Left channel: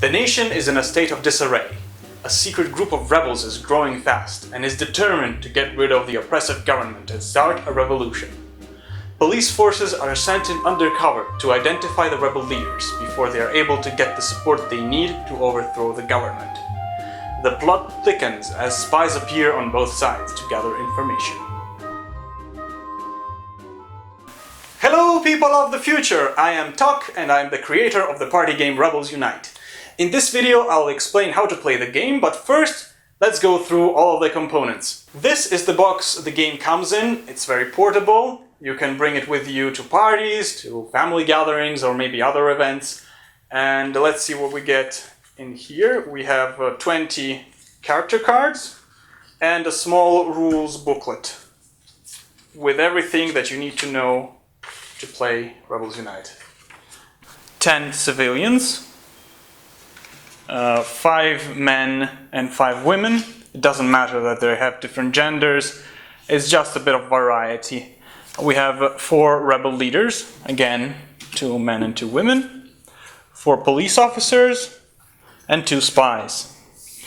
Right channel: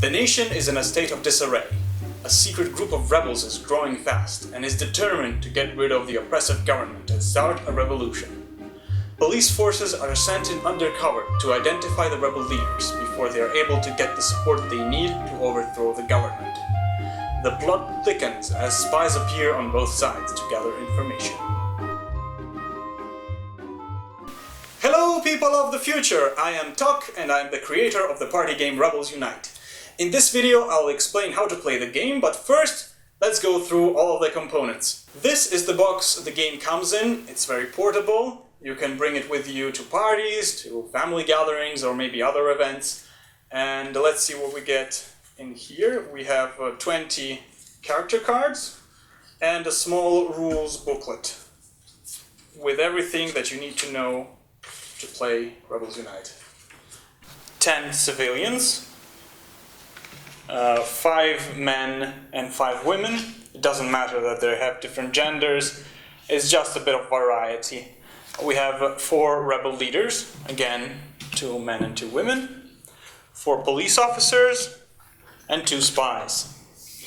The nation is in a state of disarray. A secret group of rebels is growing fast and is determined to get rid of the oppressive government and start a revolution. Police forces are sent in undercover to identify the rebel leaders before they are able to get the support they need to overthrow the government. The plot thickens as spies appear on both sides to gather information. Hello people of the future! I am Tok and I am the creator of the party game Rebels Unite. In this video I'll explain how to play the game, but first let's go through all of the components. This is the box the game comes in. It's very portable. You can bring it with you to parties, to family gatherings or maybe other events. And let's see what we get in here. We have 20 character cards and a small rules booklet with everything that you need to know to play Rebels Unite. 10 civilians, 5 men and 5 women. It doesn't matter that they have different genders, it's just a bit of variety. We have 4 rebel leaders, again 2 men and 2 women, 4 police officers and 2 spies.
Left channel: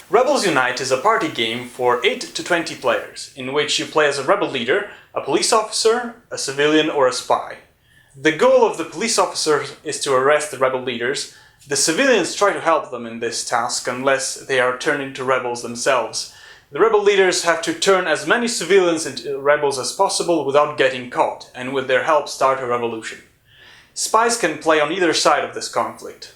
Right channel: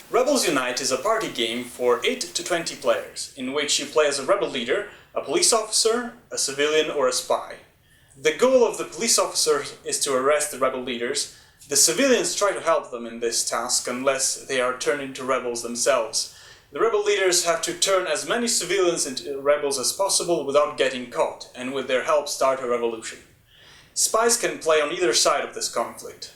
Rebels Unite is a party game for 8 to 20 players, in which you play as a rebel leader, a police officer, a civilian or a spy. The goal of the police officers is to arrest the rebel leaders. The civilians try to help them in this task unless they are turned into rebels themselves. The rebel leaders have to turn as many civilians into rebels as possible without getting caught, and with their help start a revolution. Spies can play on either side of this conflict.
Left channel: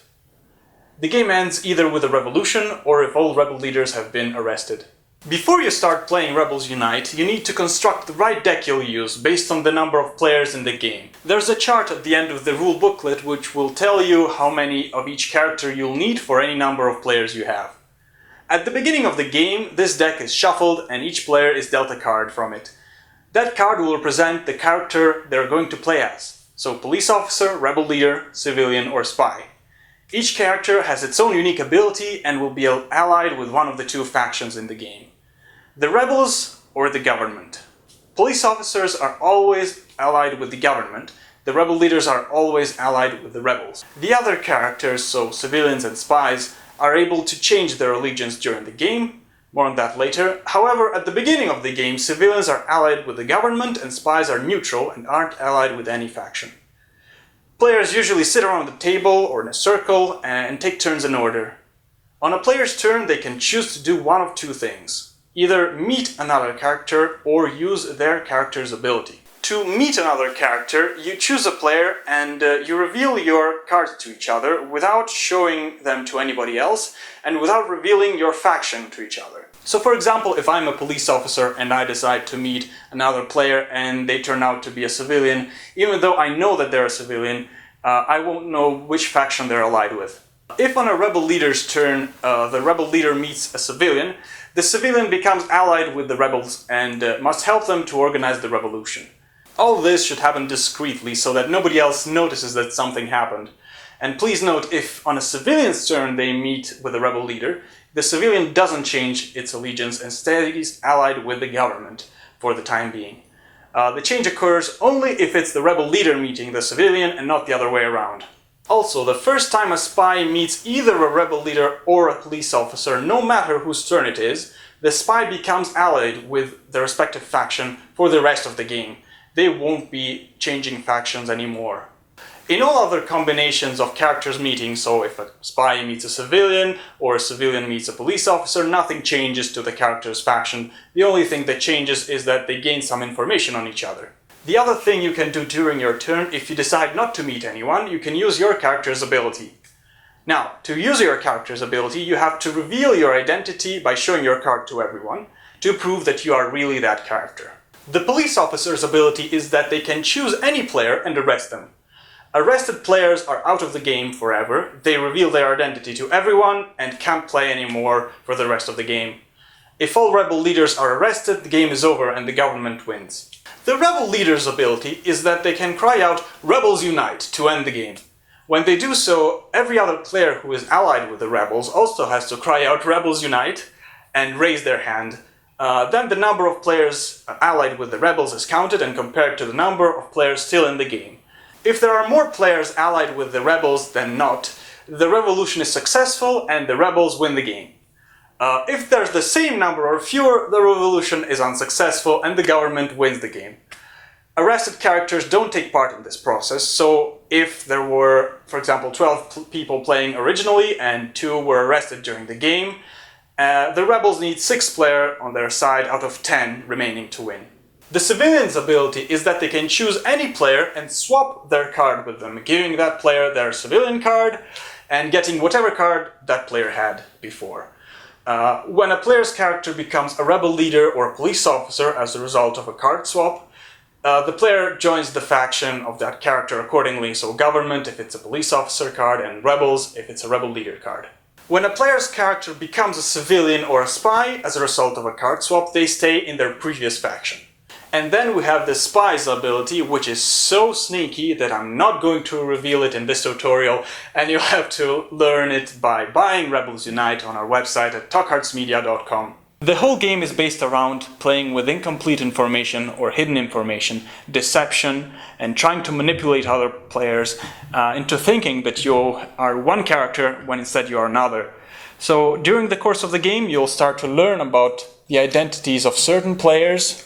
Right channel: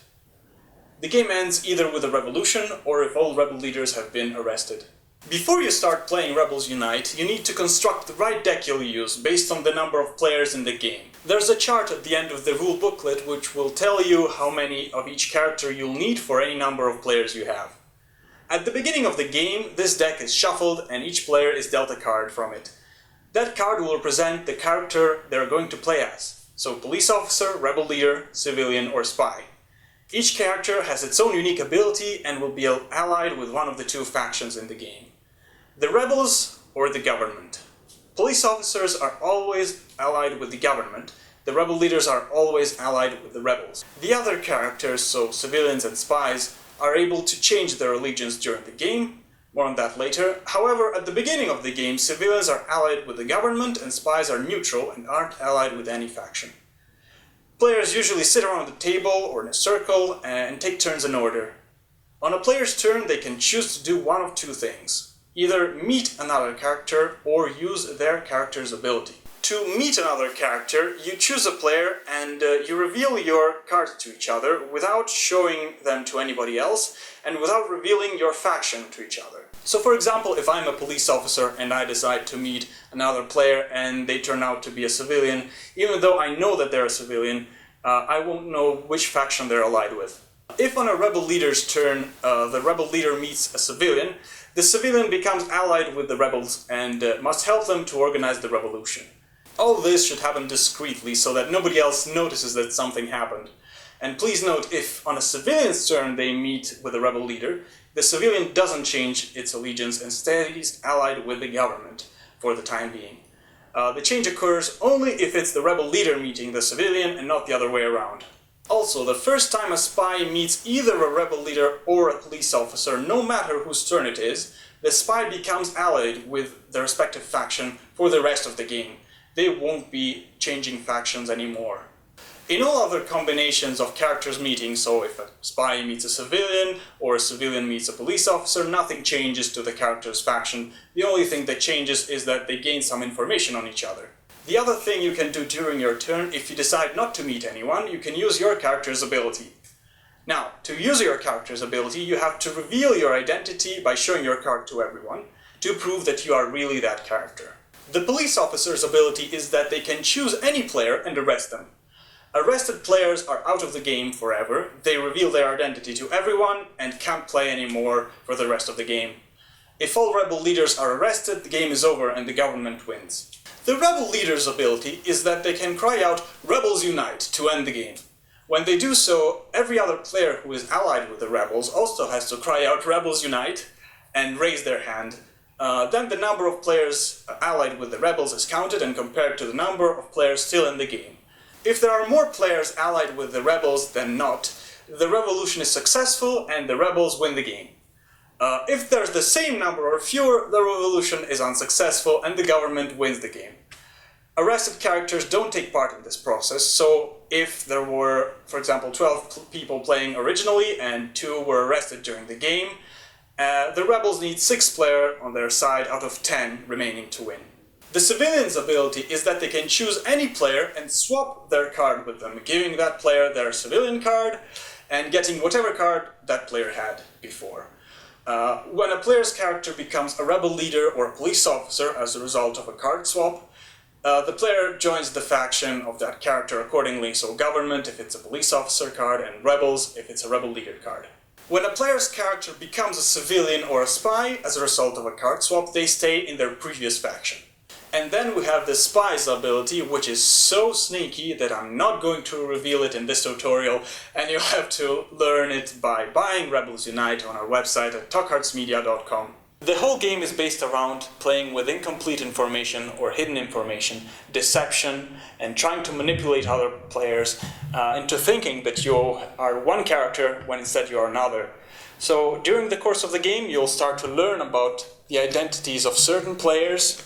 The game ends either with a revolution or if all rebel leaders have been arrested. Before you start playing Rebels Unite, you need to construct the right deck you'll use based on the number of players in the game. There's a chart at the end of the rule booklet which will tell you how many of each character you'll need for any number of players you have. At the beginning of the game, this deck is shuffled and each player is dealt a card from it. That card will represent the character they're going to play as. So police officer, rebel leader, civilian or spy. Each character has its own unique ability and will be allied with one of the 2 factions in the game. The rebels or the government. Police officers are always allied with the government. The rebel leaders are always allied with the rebels. The other characters, so civilians and spies, are able to change their allegiance during the game. More on that later. However, at the beginning of the game, civilians are allied with the government and spies are neutral and aren't allied with any faction. Players usually sit around the table or in a circle and take turns in order. On a player's turn, they can choose to do one of 2 things. Either meet another character or use their character's ability. To meet another character, you choose a player and you reveal your cards to each other without showing them to anybody else and without revealing your faction to each other. So for example, if I'm a police officer and I decide to meet another player and they turn out to be a civilian, even though I know that they're a civilian, I won't know which faction they're allied with. If on a rebel leader's turn the rebel leader meets a civilian, the civilian becomes allied with the rebels and must help them to organize the revolution. All this should happen discreetly so that nobody else notices that something happened. And please note, if on a civilian's turn they meet with a rebel leader, the civilian doesn't change its allegiance and stays allied with the government for the time being. The change occurs only if it's the rebel leader meeting the civilian and not the other way around. Also, the first time a spy meets either a rebel leader or a police officer, no matter whose turn it is, the spy becomes allied with the respective faction for the rest of the game. They won't be changing factions anymore. In all other combinations of characters meeting, so if a spy meets a civilian or a civilian meets a police officer, nothing changes to the character's faction. The only thing that changes is that they gain some information on each other. The other thing you can do during your turn, if you decide not to meet anyone, you can use your character's ability. Now, to use your character's ability, you have to reveal your identity by showing your card to everyone, to prove that you are really that character. The police officer's ability is that they can choose any player and arrest them. Arrested players are out of the game forever, they reveal their identity to everyone and can't play anymore for the rest of the game. If all rebel leaders are arrested, the game is over and the government wins. The rebel leader's ability is that they can cry out "Rebels Unite" to end the game. When they do so, every other player who is allied with the rebels also has to cry out "Rebels Unite" and raise their hand. Then the number of players allied with the rebels is counted and compared to the number of players still in the game. If there are more players allied with the rebels than not, the revolution is successful and the rebels win the game. If there's the same number or fewer, the revolution is unsuccessful and the government wins the game. Arrested characters don't take part in this process, so if there were, for example, 12 people playing originally and 2 were arrested during the game, the rebels need 6 players on their side out of 10 remaining to win. The civilians' ability is that they can choose any player and swap their card with them, giving that player their civilian card and getting whatever card that player had before. When a player's character becomes a rebel leader or a police officer as a result of a card swap, the player joins the faction of that character accordingly, so government if it's a police officer card and rebels if it's a rebel leader card. When a player's character becomes a civilian or a spy as a result of a card swap, they stay in their previous faction. And then we have the spy's ability, which is so sneaky that I'm not going to reveal it in this tutorial, and you'll have to learn it by buying Rebels Unite on our website at talkhardsmedia.com. The whole game is based around playing with incomplete information or hidden information, deception, and trying to manipulate other players into thinking that you are one character when instead you are another. So during the course of the game, you'll start to learn about the identities of certain players,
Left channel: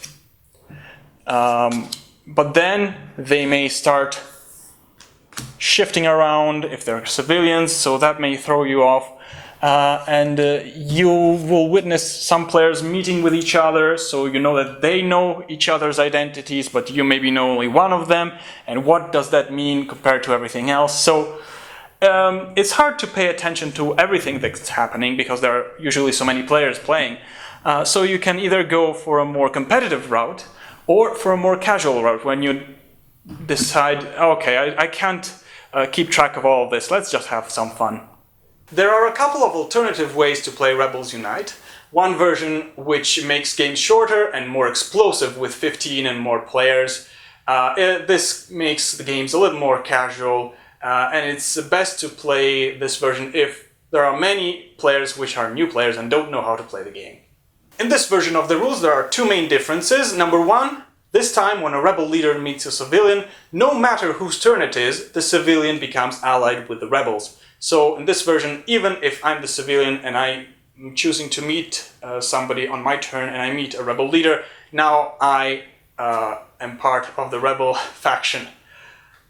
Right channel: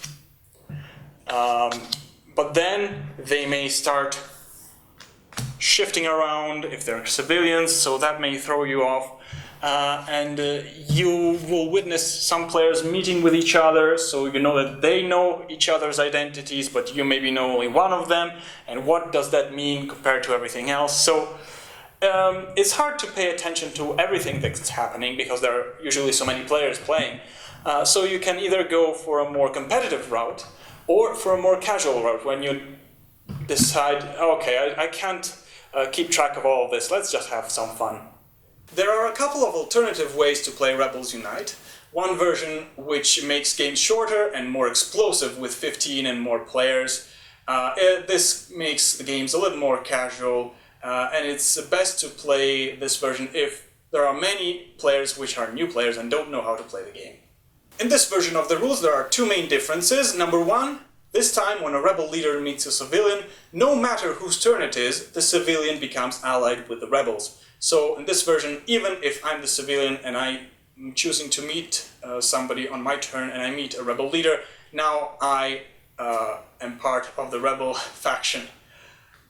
but then they may start shifting around if they're civilians, so that may throw you off. You will witness some players meeting with each other, so you know that they know each other's identities, but you maybe know only one of them, and what does that mean compared to everything else? So it's hard to pay attention to everything that's happening because there are usually so many players playing. So you can either go for a more competitive route or for a more casual route when you decide, okay, I can't keep track of all of this, let's just have some fun. There are a couple of alternative ways to play Rebels Unite. One version which makes games shorter and more explosive with 15 and more players. This makes the games a little more casual, and it's best to play this version if there are many players which are new players and don't know how to play the game. In this version of the rules there are 2 main differences. Number 1, this time when a rebel leader meets a civilian, no matter whose turn it is, the civilian becomes allied with the rebels. So in this version, even if I'm the civilian and I'm choosing to meet somebody on my turn and I meet a rebel leader, now I am part of the rebel faction.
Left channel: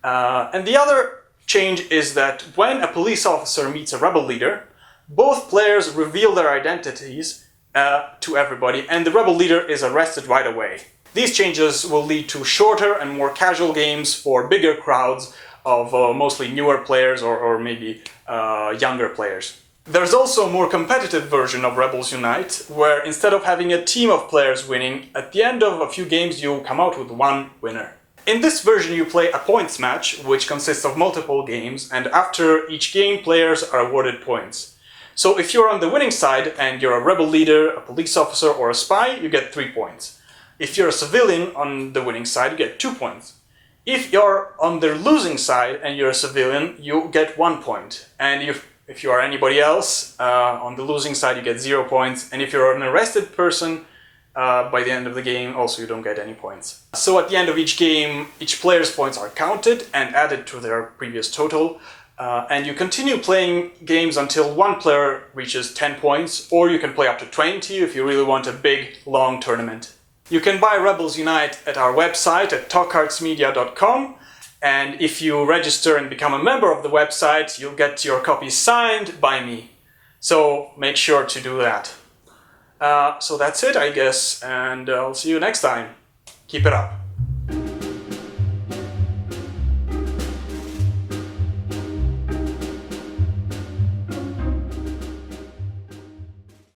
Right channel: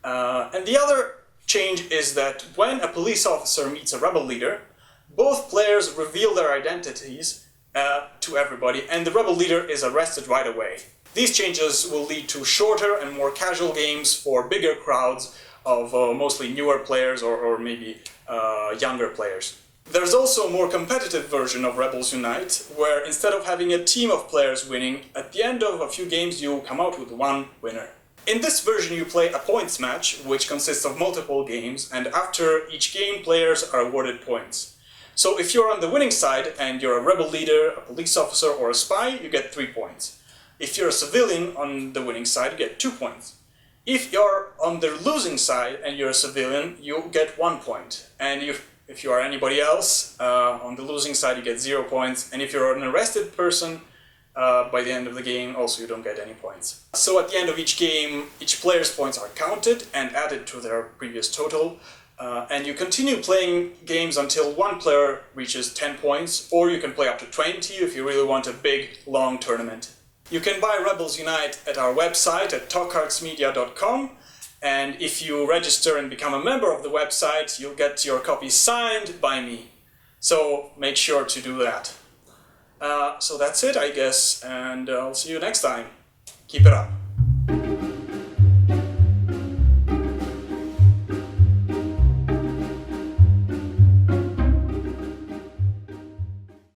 And the other change is that when a police officer meets a rebel leader, both players reveal their identities to everybody and the rebel leader is arrested right away. These changes will lead to shorter and more casual games for bigger crowds of mostly newer players or maybe younger players. There's also a more competitive version of Rebels Unite, where instead of having a team of players winning, at the end of a few games you come out with one winner. In this version you play a points match, which consists of multiple games, and after each game players are awarded points. So if you're on the winning side and you're a rebel leader, a police officer or a spy, you get 3 points. If you're a civilian on the winning side, you get 2 points. If you're on the losing side and you're a civilian, you get 1 point. And if you are anybody else, on the losing side you get 0 points. And if you're an arrested person, by the end of the game, also you don't get any points. So at the end of each game, each player's points are counted and added to their previous total. And you continue playing games until one player reaches 10 points, or you can play up to 20 if you really want a big, long tournament. You can buy Rebels Unite at our website at talkhardsmedia.com, and if you register and become a member of the website, you'll get your copy signed by me. So make sure to do that. So that's it, I guess, and I'll see you next time. Keep it up.